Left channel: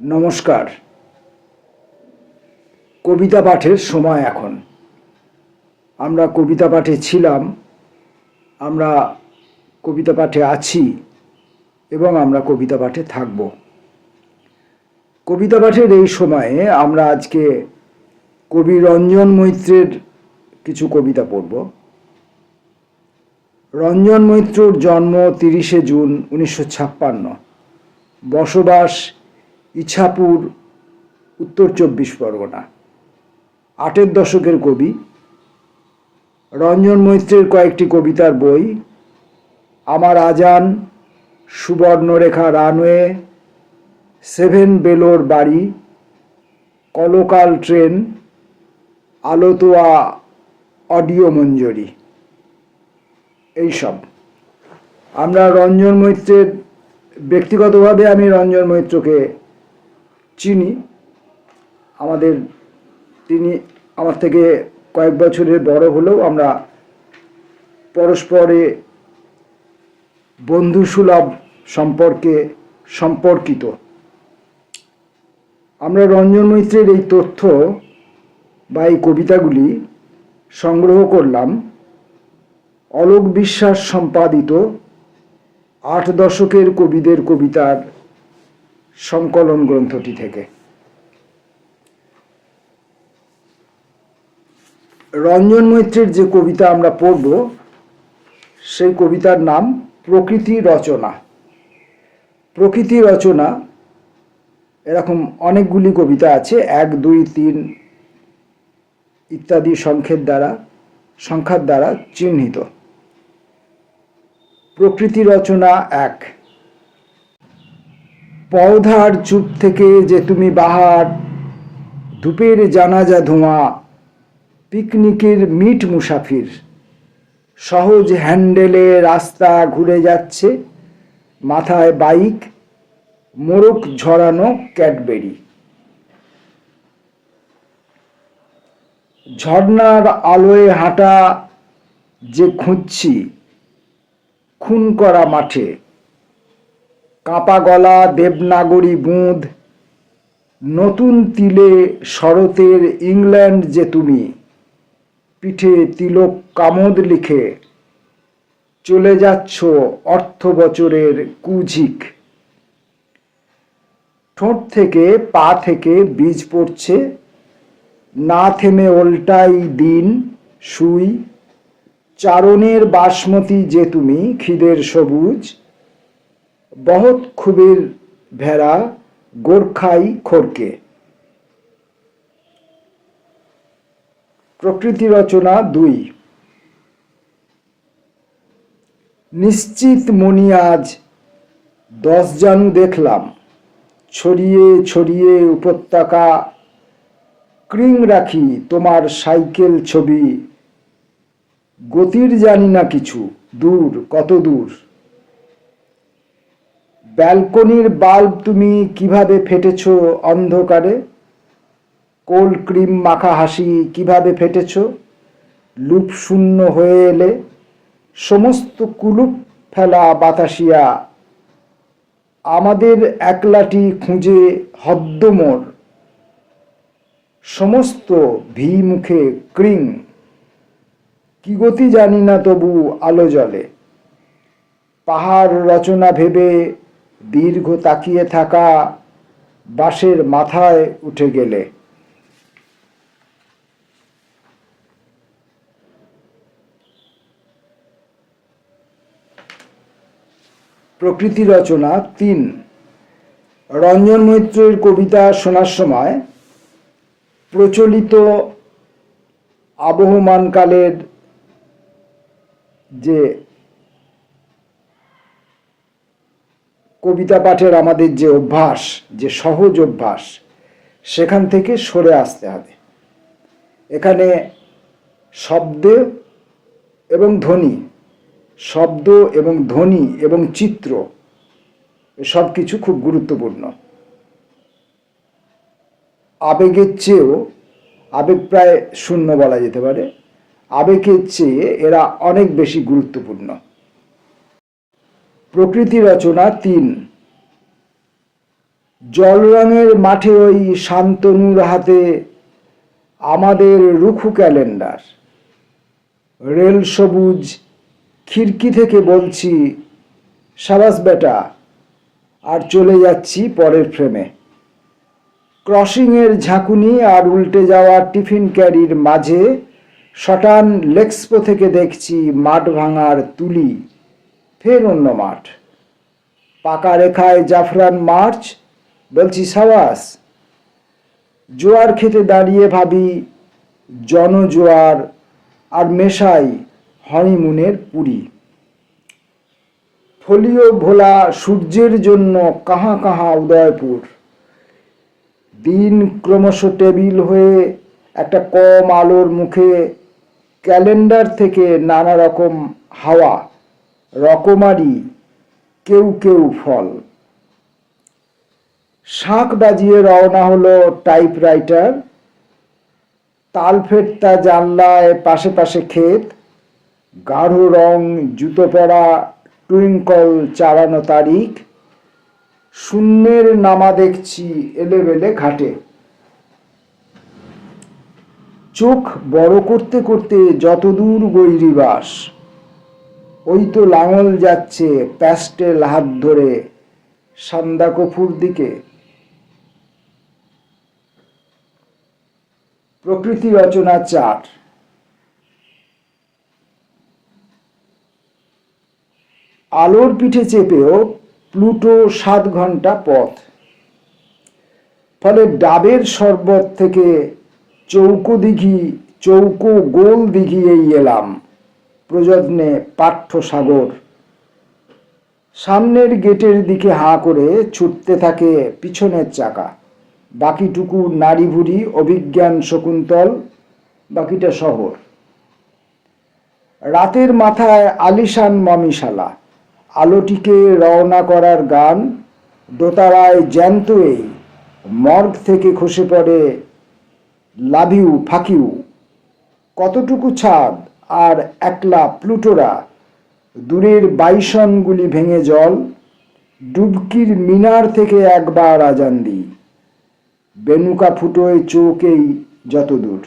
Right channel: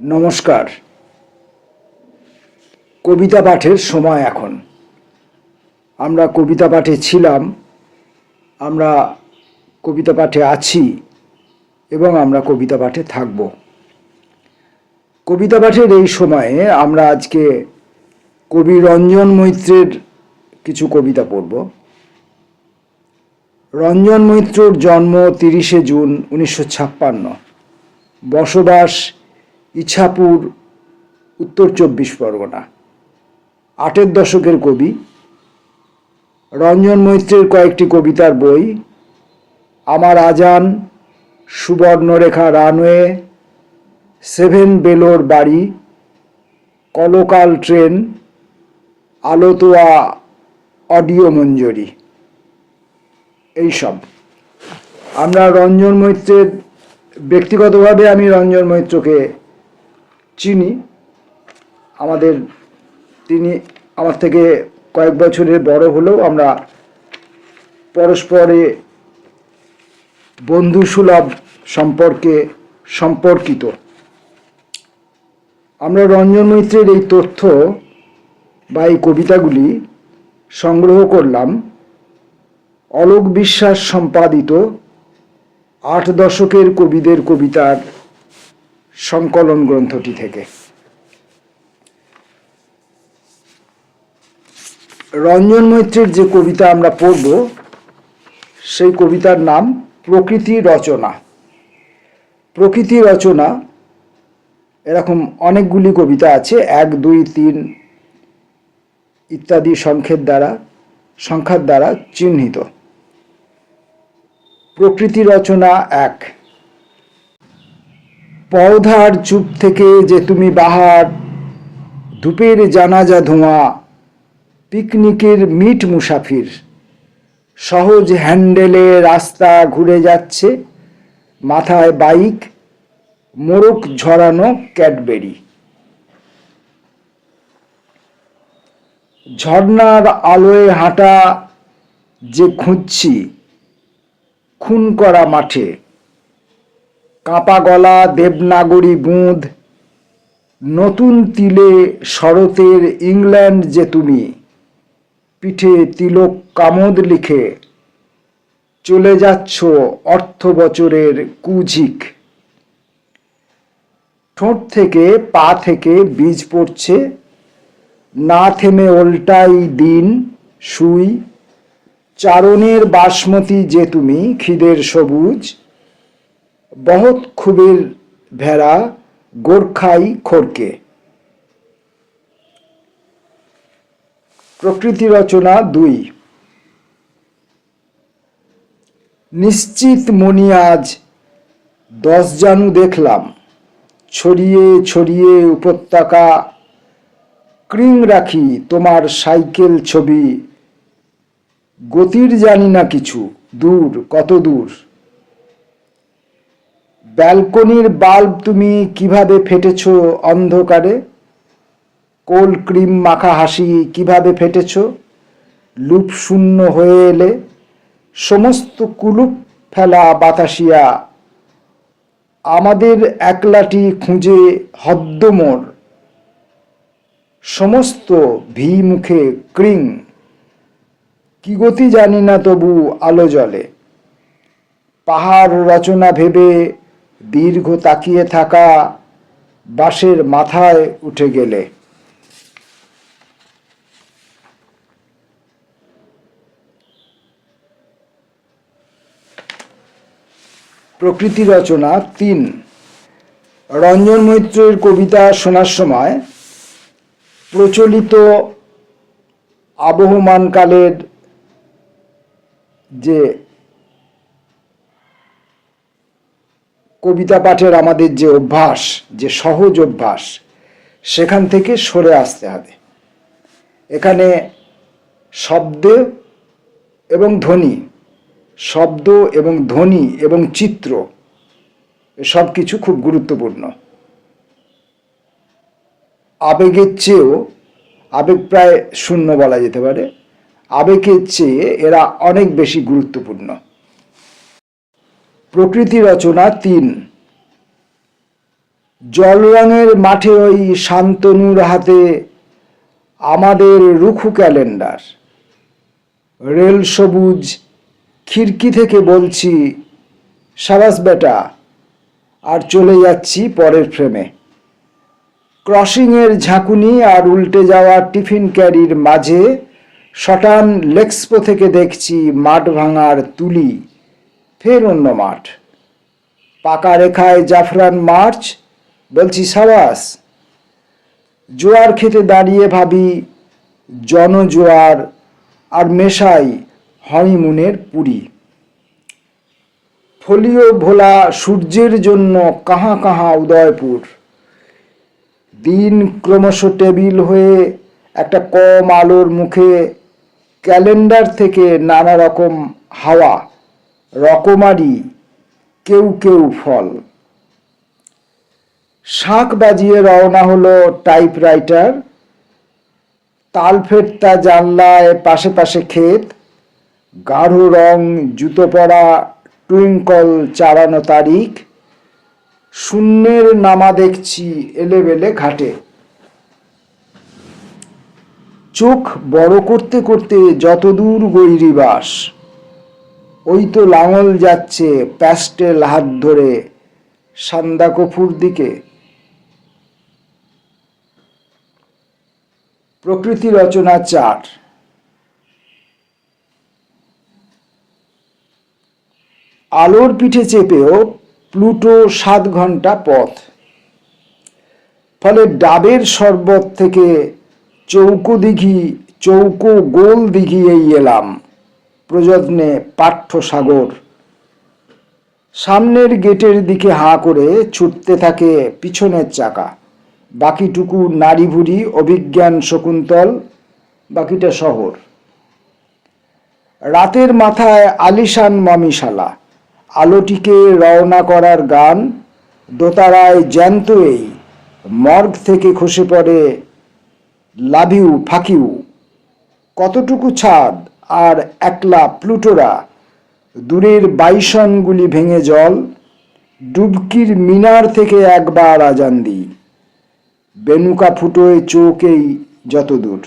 নমস্কার। কবিতা পাঠের সময় এখন। আমরা কবিতা পাঠে ছিলাম, আমরা কবিতা পাঠে আছি এবং আমরা কবিতা পাঠে থাকব। কবিতা পাঠের এই সময়ে আমরা আজকে কবি রঞ্জন মৈত্রের কিছু কবিতা পড়ব। রঞ্জন মৈত্রর জন্ম 30শে জুন 1956, বসবাস ইছাপুর, উত্তর 24 পরগনা। 8-এর দশকের কবি। রঞ্জন মৈত্রের কয়েকটি কবিতার বই আমার আজান, সুবর্ণরেখা রানওয়ে, 7 বেলোর বাড়ি, কলকাল ট্রেন, আলোতোয়া অডিও মঞ্জরি, এইসব। আমরা রঞ্জন মৈত্রের, ব্যক্তিগতভাবে আমি রঞ্জন মৈত্রকে চিনি। তিনি আমার থেকে কয়েক বছরের বড় হলেও আমরা পরস্পরে বন্ধুসুলভ সম্পর্কিত। আমরা রঞ্জন মৈত্রের এই তথ্য বা এই কবিতাগুলি সংগ্রহ করলাম অলোক বিশ্বাস সম্পাদিত 8 দশকের কবিদের কবিতার সংকলন গ্রন্থটি থেকে। রঞ্জন মৈত্রের যে কবিতা আমরা পড়ব সেই কবিতার নাম প্রকৃতি রচনা। প্রকৃতি রচনা এরকম অনেকগুলি কবিতা আছে, 1, 2, 3 ইত্যাদি সংখ্যার দ্বারা চিহ্নিত। প্রকৃতি রচনা 1। পওধার চুপ থেকে যে তুমি বাহার, ধূপের জানাজা ধোঁয়া, পিকনিকের মিট মুসাফির, সহজ হ্যান্ডেলে রাস্তা ঘুরে যাচ্ছে, মাথায় বাইক, মোড়ক ঝরানো ক্যাডবেরি। ঝর্ণার আলোয় হাঁটা যে খুঁজছি খুন করা মাঠে, কাঁপা গলা দেবনাগরী বুঁদ, নতুন তিলে শরতের ইংল্যান্ড যে তুমি, পিঠে তিলক কামদ লিখে চলে যাচ্ছ অর্থ বছরের কুঝিক। ঠোঁট থেকে পা থেকে বীজ পড়ছে, না থেমে ওল্টাই দিন সুই, চারণের বাসমতি যে তুমি, খিদের সবুজ, বহুত খুবের ভেড়া গোর্খাই খড়কে। প্রকৃতি রচনা 2। নিশ্চিত মনি আজ 10 জানু দেখলাম, ছড়িয়ে ছড়িয়ে উপত্যকা, ক্রিং রাখি তোমার সাইকেল ছবি, গতির জানি না কিছু, দূর কত দূর। ব্যালকনির বাল্ব তুমি কিভাবে ফেটেছ অন্ধকারে, কোল্ড ক্রিম মাখা হাসি কিভাবে ফেটেছ লুপ শূন্য হয়ে এলে, সমস্ত কুলুপ ফেলা বাতাসিয়া, আমাদের একলাটি খুঁজে হদ্দমোর, সমস্ত ভি মুখে ক্রিং, কি গতি জানি না তবু আলো জ্বলে। পাহাড় রচনা ভেবে দীর্ঘ তাকিয়ে থাকা, বাঁশের মাথায় উঠে গেলে। প্রকৃতি রচনা 3। রঞ্জন মৈত্রের কবিতা শোনার সময় প্রচলিত আবহমানকালের যে কবিতা পাঠের আমাদের যে অভ্যাস, যে সহজ অভ্যাস, সেখান থেকে সরে আসতে হবে। এখানে শব্দ এবং ধ্বনি এবং চিত্র সব কিছু খুব গুরুত্বপূর্ণ। আবেগের চেয়েও, আবেগ প্রায় শূন্য বলা যেতে পারে, আবেগের চেয়ে এরা অনেক বেশি গুরুত্বপূর্ণ। প্রকৃতি রচনা 3। জলরঙের মাঠে ওই শান্তনুর হাতে আমাদের রুখু ক্যালেন্ডার। রেল সবুজ খিড়কি থেকে বলছি, সাবাস বেটা, আর চলে যাচ্ছি পরের ফ্রেমে। ক্রসিংয়ের ঝাঁকুনি আর উল্টে যাওয়া টিফিন ক্যারির মাঝে শটান লেক্সপো থেকে দেখছি মাঠ ভাঙার তুলি, ফের অন্য মাঠ। পাকা রেখায় জাফরান মার্চ, বলছি সাবাস। জোয়ার খেতে দাঁড়িয়ে ভাবি জনজোয়ার আর মেশাই হনিমুনের পুরী। ফলিও ভোলা সূর্যের জন্য কাহা কাহা উদয়পুর। দিন ক্রমশ টেবিল হয়ে একটা কম আলোর মুখে ক্যালেন্ডার থেকে নানা রকম হাওয়া, রকমারি কেউ কেউ ফল। শাঁখ বাজিয়ে রওনা হলো টাইপরাইটার। তালফেটতা জানলায় পাশে পাশে ক্ষেত, গাঢ় রং জুতো পরা টুইঙ্কল চালানো তারিখ। শূন্যের নামা দেখছি এলেবেলে ঘাটে। চোখ বড় করতে করতে যতদূর গৈরিবাস, ওই তো লাঙল যাচ্ছে প্যাস্টেল হাত ধরে সান্দাকফুর দিকে। প্রকৃতি রচনা 4। আলোর পিঠে চেপেও প্লুটো 7 ঘন্টা পথ। ফলে ডাবের শরবত থেকে চৌকো গোল দিঘি এই এলাম, প্রযত্নে পাঠ্যসাগর। সামনের গেটের দিকে হাঁ করে ছুটতে থাকে পিছনের চাকা। বাকিটুকু নাড়িভুড়ি অভিজ্ঞান শকুন্তল, বাকিটা শহর। রাতের মাথায় আলিশান মমিশালা, আলোটিকে রওনা করার গান। দোতারায় জ্যান্ত এই মর্গ থেকে খসে পড়ে লাভিউ ফাঁকিউ। কতটুকু ছাদ আর একলা প্লুটোরা, দূরের বাইসনগুলি ভেঙে জল। ডুবকির মিনার থেকে একবার আজান দিই, বেনুকা ফুটোয় চৌকেই যতদূর।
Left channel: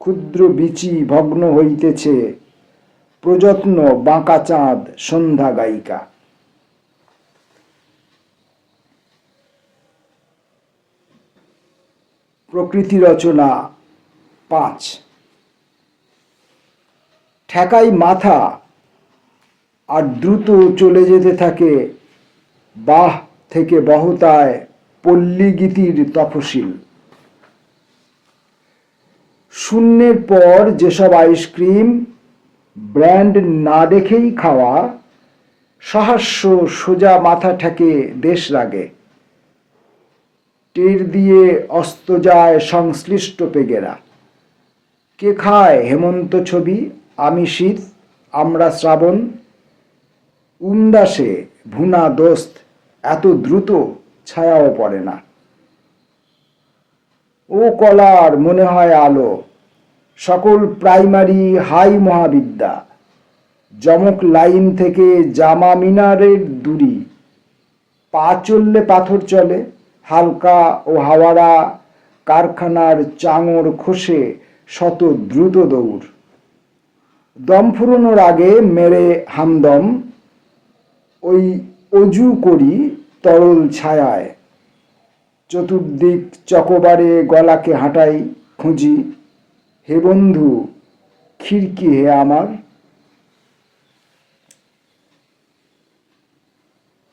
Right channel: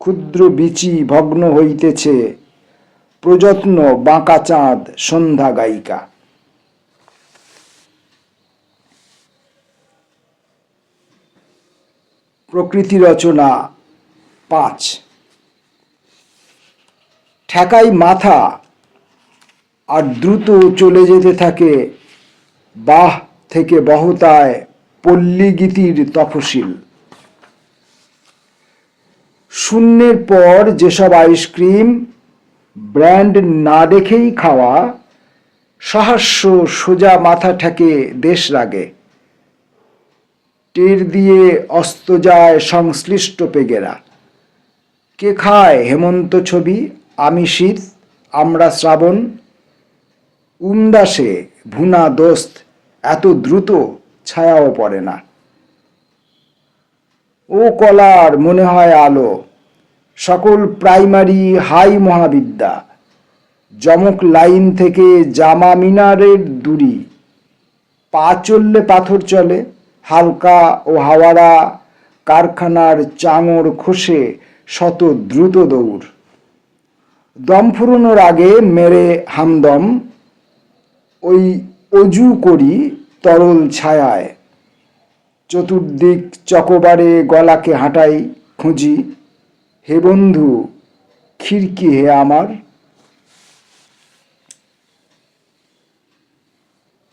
ক্ষুদ্র বিচি ভগ্ন হইতেছে, প্রযত্ন বাঁকা চাঁদ সন্ধ্যা গায়িকা। প্রকৃতি রচনা 5। ঠেকাই মাথা আর দ্রুত চলে যেতে থাকে বাহ থেকে বহতায় পল্লীগীতির তফসিল। শূন্যের পর যেসব আইসক্রিম ব্র্যান্ড না দেখেই খাওয়া, সহাস্য সোজা মাথা ঠেকে দেশ রাগে। টের দিয়ে অস্ত যায় সংশ্লিষ্ট পেগেরা। কে খায় হেমন্ত ছবি, আমি শীত, আমরা শ্রাবণ। উমদাসে ভুনা দোস্ত, এত দ্রুত ছায়াও পড়ে না। ও কলার মনে হয় আলো, সকল প্রাইমারি হাই মহাবিদ্যা। যমক লাইন থেকে জামা মিনারের দূরি। পা চললে পাথর চলে, হালকা ও হাওয়ারা কারখানার চাঙড় খসে শত দ্রুত দৌড়। দম ফুরোনোর আগে মেরে হামদম, ওই অজু করি তরল ছায়ায়। চতুর্দিক চকোবারে গলাকে হাঁটাই, খুঁজি, হে বন্ধু খিড়কি হে আমার।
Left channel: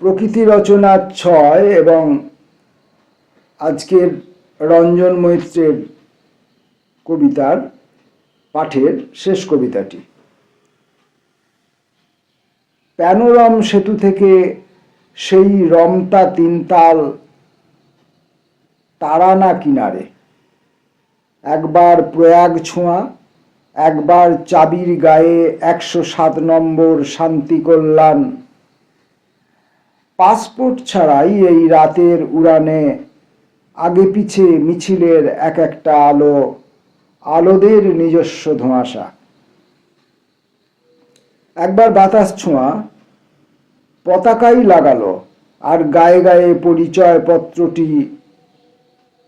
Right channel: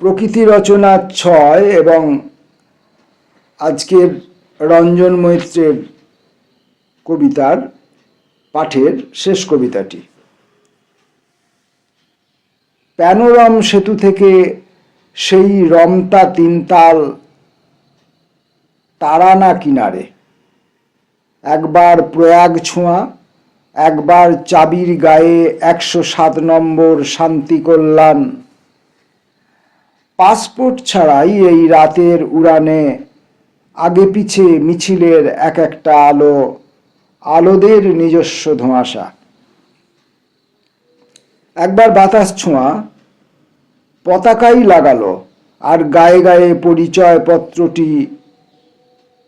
প্রকৃতি রচনা 6 এবং আজকের রঞ্জন মৈত্রের কবিতার পাঠের শেষ কবিতাটি। প্যানোরাম সেতু থেকে সেই রমতা 3 তাল তারানা কিনারে, একবার প্রয়াগ ছোঁয়া, একবার চাবির গায়ে 107 নম্বর শান্তি কল্যাণ। পাসপোর্ট ছাড়াই এই রাতের উড়ানে আগে পিছে মিছিলের এক একটা আলো, আলোদের নিজস্ব ধোঁয়াশা। একবার বাতাস ছোঁয়া, পতাকাই লাগালো আর গায়ে গায়ে পরিচয় পত্রটি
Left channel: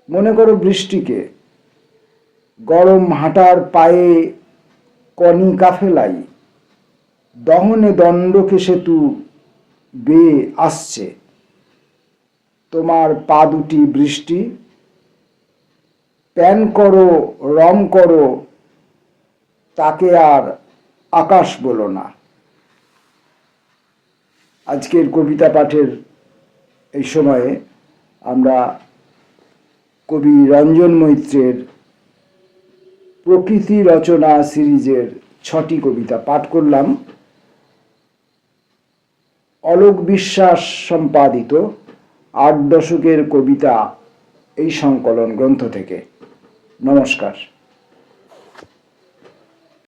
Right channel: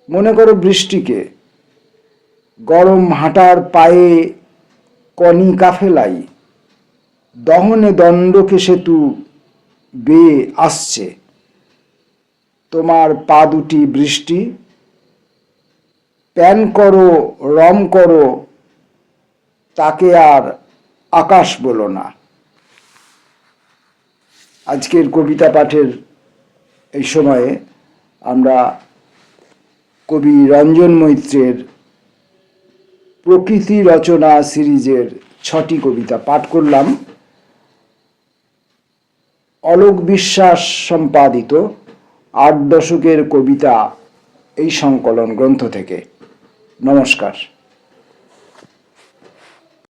মনে করো বৃষ্টিকে, গরম হাঁটার পায়ে কনি কাফেলাই দহনে দণ্ডকে সেতু বেয়ে আসছে। তোমার পা দুটি বৃষ্টি, প্যান করো রম করো, তাকে আর আকাশ বলো না। আজকের কবিতা পাঠের এই সময়ে আমরা কবি রঞ্জন মৈত্রের প্রকৃতি রচনা সিরিজের 6টি কবিতা পাঠ করলাম অলোক বিশ্বাস সম্পাদিত 8 দশকের কবিতা এই সংকলন গ্রন্থ থেকে। নমস্কার।